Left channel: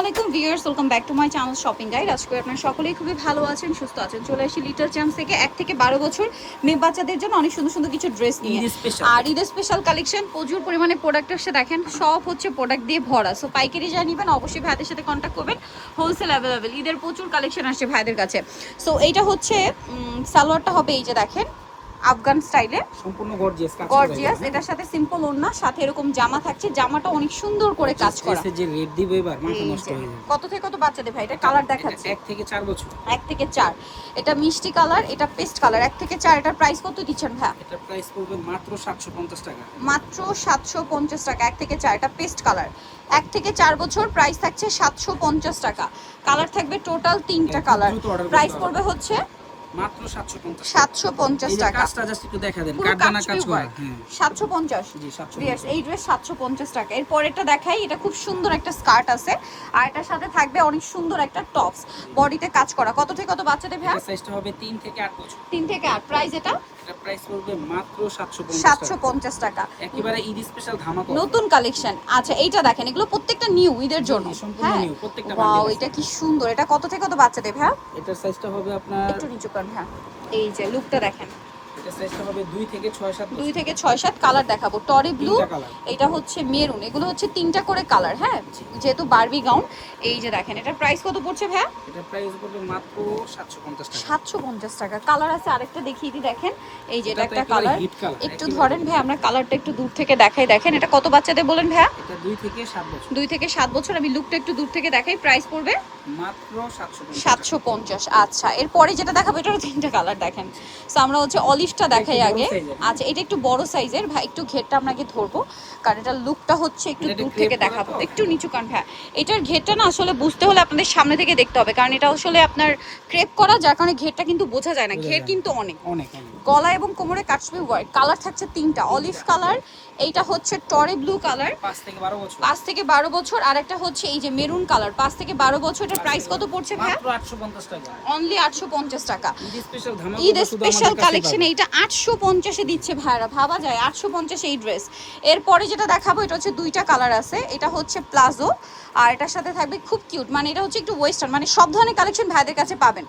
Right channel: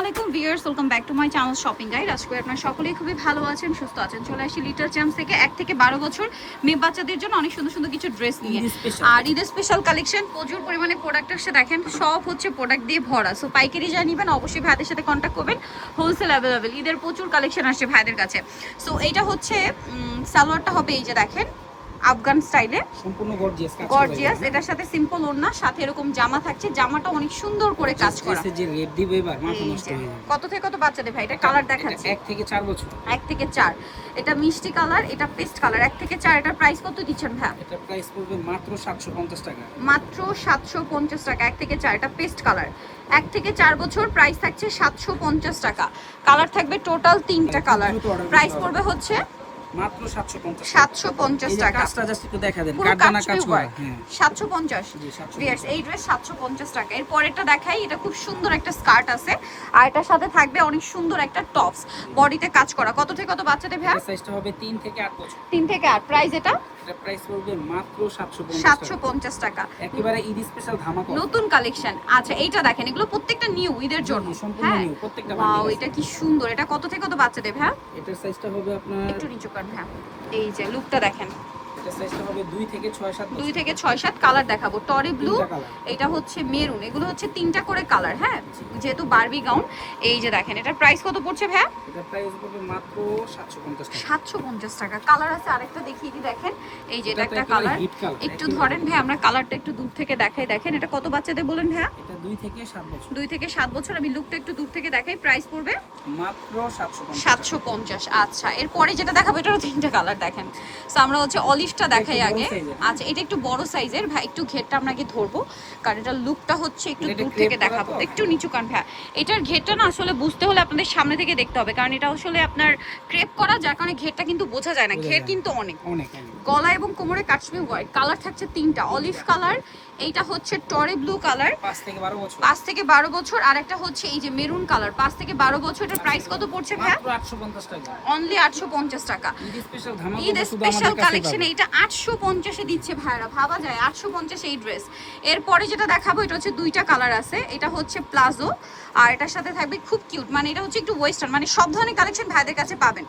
আলাইকুম viewers, welcome back to my channel shopping guide. আজকে আপনারা সকলেই খুবই ভালো আছেন, সুস্থ আছেন। চলে আসি লিটল চ্যাম্পস থেকে 1 থেকে 12 বছর মেয়ে বাচ্চাদের জন্য অনেক সুন্দর সুন্দর কিছু ড্রেস নিয়ে। আর ঈদের স্পেশাল কালেকশন, প্রচুর পরিমাণে প্রোডাক্ট আসছে। দেখেন সব হচ্ছে প্রোডাক্ট দিয়ে ভরা। সো পাইকারি যা নেবেন অবশ্যই ভাইদের সাথে কন্ট্যাক্ট করবেন। হোলসেল অ্যাভেলেবেল, ঈদের প্রচুর কালেকশন আসছে ভাইদের কাছে। সো এইটা হচ্ছে সালোয়ারটা হবে এই যে দেখেন আফগান স্টাইলে, সম্পূর্ণ গর্জিয়াস। এটার সাথে সিম্পল ওড়না, সাথে এরকম জামা থাকছে। জামাটা অনেক সুন্দর করে কাজ করা। যে রেড দিব এবার মাথা নষ্ট হয়ে যাবে। কত থেকে কত বাচ্চাদের ভাই? এটা কালার দেখাচ্ছে 1 থেকে 4 বছর। 1 থেকে 4। এটা মিষ্টি কালার, এটা পেস্ট কালার। 1 থেকে 4। এটার প্রাইস কত দিচ্ছেন ভাই? এটা প্রাইস পড়বে মাত্র 750 টাকা। মাত্র 750 টাকা। 1 থেকে 4। এটা পেস্ট কালার। 1 থেকে 4 বছর, প্রাইস থাকছে 750 টাকা। কালার থাকবে টোটাল 3টা কালার। প্রাইস পড়বে হচ্ছে মাত্র 750 750 টাকা। কাজটা জাস্ট একটু দেখা দেন, কারদানা কাজ করা। হ্যাঁ 750। জি 750। ভিউয়ার্স এই ড্রেস 750 টাকা। এর পরেরটা দেখাই। এটা খুব সুন্দর একটা স্কার্ট আছে, আর এটার সাথে থাকবে অনেক সুন্দর একটা টপস, বডিতে কাজ করা। কত থেকে কত বাচ্চাদের ভাই? এটা সাইজটা হবে 3 থেকে 8 বছর। 3 থেকে 8। প্রাইস এটা প্রাইস পড়বে মাত্র 750 টাকা। একেবারে ঈদ স্পেশাল ধামাকা নতুন কালেকশন। আচ্ছা এইটা দেখেন, এগুলো প্রত্যেকটা নিউ ঈদের জন্য। সম্পূর্ণ নিউ, প্রত্যেকটা ওয়াও, বান্ডিল। এটা কি সুন্দর। এটা কত থেকে কত বাচ্চাদের ভাই? এটার সাইজটা হবে আপনার একটু নিচু করেন। হ্যাঁ এই যে লুকটা দেখেন। এটা সাইজটা হবে 2 থেকে 6-7 বছর। 2 থেকে 6-7 কালার দেখাবো। টরি ব্লু, তিনটা কালার। এটা হচ্ছে মেরুন। এগুলো হচ্ছে 3টা করে কালার। হ্যাঁ যেহেতু বারবি গাউন। এই যে দেখেন, এটার প্রাইস কত পড়ছে ভাই? এটা প্রাইস পড়বে মাত্র 750 টাকা। 750 টাকা। কালার আছে আরেকটা দেখিয়ে দিই, দেখেন এই যে এটা এটা তো একটা একেবারে কালার। Hit colour. একটু ধরেন ভাই, আমরা কালারটা একটু দূর থেকে দেখাই। দেখেন এটা কত বাচ্চাদের বলেন ভাই? এটা 2 থেকে 7 বছর। 2 থেকে 7 বছর। আমি লুকটা একটু দূর থেকে দেখাই। প্রাইস পড়বে মাত্র 750 টাকা। 750। আচ্ছা এরপরে যেটা দেখাবো, এটা 3টা কালার দেখেন। সো আমরা হচ্ছে অলিভটা দেখাই আগে। আচ্ছা এটা একটু বড় সাইজের ভাই, একটু ঘেরটা আপনাকে ধরবো, কারণ এটার লুকটা হচ্ছে একটু দূর থেকে দেখাবো। একটু নিচু কান ভাই। এটার ঘেরটা না আসলে বুঝতে হলে আপনাদের সামনে থেকে দেখতে হবে, কারণ এটা আসলে আপনার ক্রেপ করা, যার কারণে ঘেরটা কিন্তু বোঝা যায় না। ঘের কিন্তু অনেক। গলা এবং কোমরে কাশ্মীর হোয়াইট। কালার থাকছে 3টা। অলিভ কালার, এইটা হচ্ছে টরে ব্লু কালার, 5 থেকে 12 বছর। 5 থেকে 12 বছর। আর একটা হচ্ছে এই যে মেরুন কালার, 5 থেকে 12 বছর। এটার প্রাইস কত পড়ছে ভাই? মাত্র 850 টাকা। অনলি 850 টাকা। ঈদ স্পেশাল ধামাকা। Eid special collection. এইটা 850 এ দিচ্ছে ভাইরা, ভাবা যায় 850 এই ড্রেস। এরপরে যেটা দেখাবো, এটা হচ্ছে 2টা কালার আছে। এটা হচ্ছে প্লাজো, আর এটার সাথে থাকবে খুব কিউট, মানে এটা হচ্ছে একটু ওয়েস্টার্ন, মানে সব ধরনের কালেকশন ভাইদের কাছে পাবেন।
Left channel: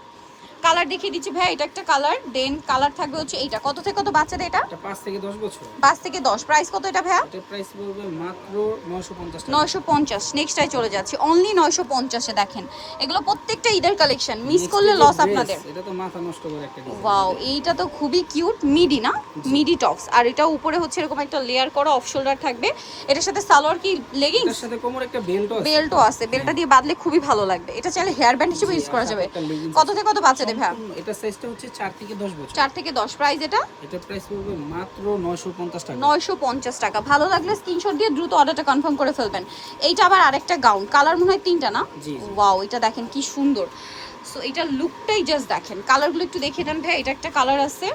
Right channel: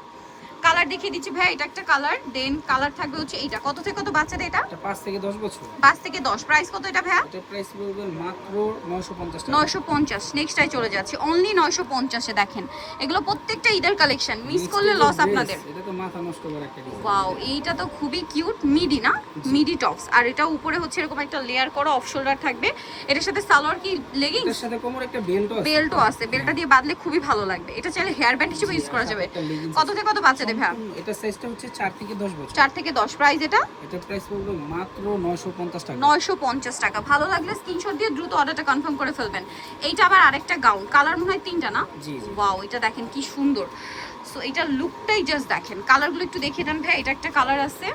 কালার দেখিয়ে দিচ্ছি ভাই, এটা একটা কালার। দেন কালার থাকবে হচ্ছে এইটা। কত থেকে কত বাচ্চাদের এটা? এটা 5 থেকে 10 বছর। 5 থেকে 10। প্রাইস কত এটা ভাইয়া? এটা প্রাইস পড়বে মাত্র 950 টাকা। 950। নেক্সটটাই চলে যাচ্ছে, অনলি 950 এ। দেখেন এগুলো প্রত্যেকটা ঈদের কালেকশন, মিস করলে লস আপনাদের। এটা তো মাথা নষ্ট করে একটা ডিজাইন। ওয়াও, এইটা তো খুবই কিউট। মিডি না, মিডি টপস। আর এটা উপরে হচ্ছে এরকম একটা লেয়ার করা অফ শোল্ডার থাকবে। এটার সাথে সালোয়ার কি লেগিংস? এর সাথে কোমরে একটা বেল্টও আছে। বেল্টও আছে। বেল্টটা দিয়ে বাঁধলে খুবই ভালো লাগবে। এটা চাইলে হেয়ার ব্যান্ড হিসেবে ইউজ করা যাবে। কত থেকে কত বাচ্চাদের ভাই? এটা সাইজটা হচ্ছে 4 থেকে 10 বছর। 4 থেকে 10। প্রাইস এটা? এটা প্রাইস পড়বে মাত্র 950 টাকা। 950 টাকা। ভালো লাগলে স্ক্রিনশট দিয়ে দ্রুত অর্ডারটা কনফার্ম করে ফেলবেন। এইটা আবার আরেকটা গাউন। কালার মনে হয় 3টা না? জি জি। ওয়াও, এটা দেখেন কি সুন্দর। সো এটা লুকটাই জাস্ট দেখেন। কালারগুলো একটু দেখিয়ে দেন ভাই। এটা একটা কালার আছে।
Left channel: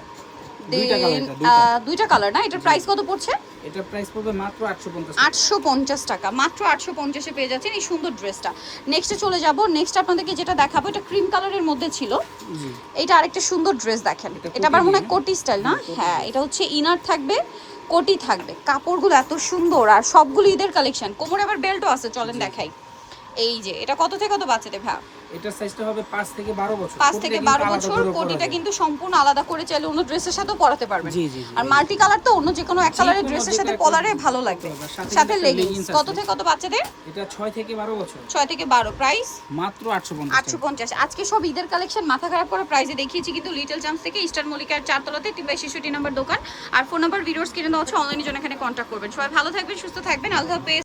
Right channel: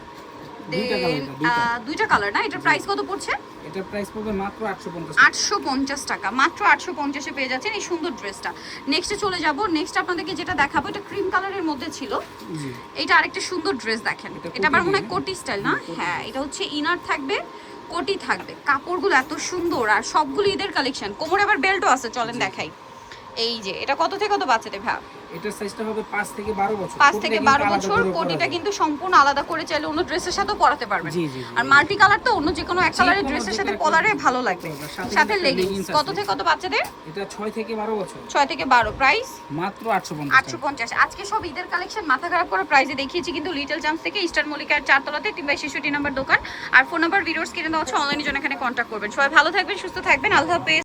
দুইটা কালার না? এটার প্রাইস কত পড়ছে? এটা প্রাইস পড়বে মাত্র 850 টাকা। 850 টাকা। মাত্র 850 এ পেয়ে যাচ্ছেন এই সুন্দর ড্রেসটা। নেক্সটে চলে যাব। নেক্সট আপনাদেরকে যেটা দেখাবো, এটা ক্রিম কালারের মধ্যে ছিল। জি। এটা আরেকটা সুন্দর ড্রেস দেখেন। এটা আবার মনে হয় কোটি স্টাইল না? হ্যাঁ, এটা হচ্ছে ইনার থাকবে, কোটি থাকবে। কাপড়গুলো এত সুন্দর, আর সবগুলো ঈদের কালেকশন। কোমরে আবার বেল্টও আছে, চলেন দেখাই। এই যে এটা কত থেকে কত বাচ্চাদের ভাই? এটার সাইজটা হবে 5 থেকে 12 বছর। 5 থেকে 12 বছর। কোটিটা কিন্তু সম্পূর্ণ আলাদা করে চাইলে অন্য ড্রেসের সাথেও পরাতে পারবেন। জি জি। আর মাল্টি কালার তো অন্য যে কোনো এক কালারের ড্রেসের সাথে পরারে ভালো লাগবে। সাথে লেগিংস। কত থেকে কত বাচ্চাদের? এটা 6 থেকে 12 বছর। 6 থেকে 12। প্রাইস মাত্র 850 টাকা। 850। আজকে সব ঈদের কালেকশন মাথা খারাপ করা প্রাইসে দেখিয়েছি, কিন্তু লিটল চ্যাম্পস থেকে ইস্টার্ন মল্লিকার 4 তলাতে 3/66 নম্বর দোকান। আর ফোন নাম্বার ভিডিওস কিনে দেওয়া হচ্ছে, অনলাইনে জন্য এখানে কন্ট্যাক্ট করবেন। সবাই ভালো থাকবেন, সুস্থ থাকবেন। আল্লাহ হাফেজ।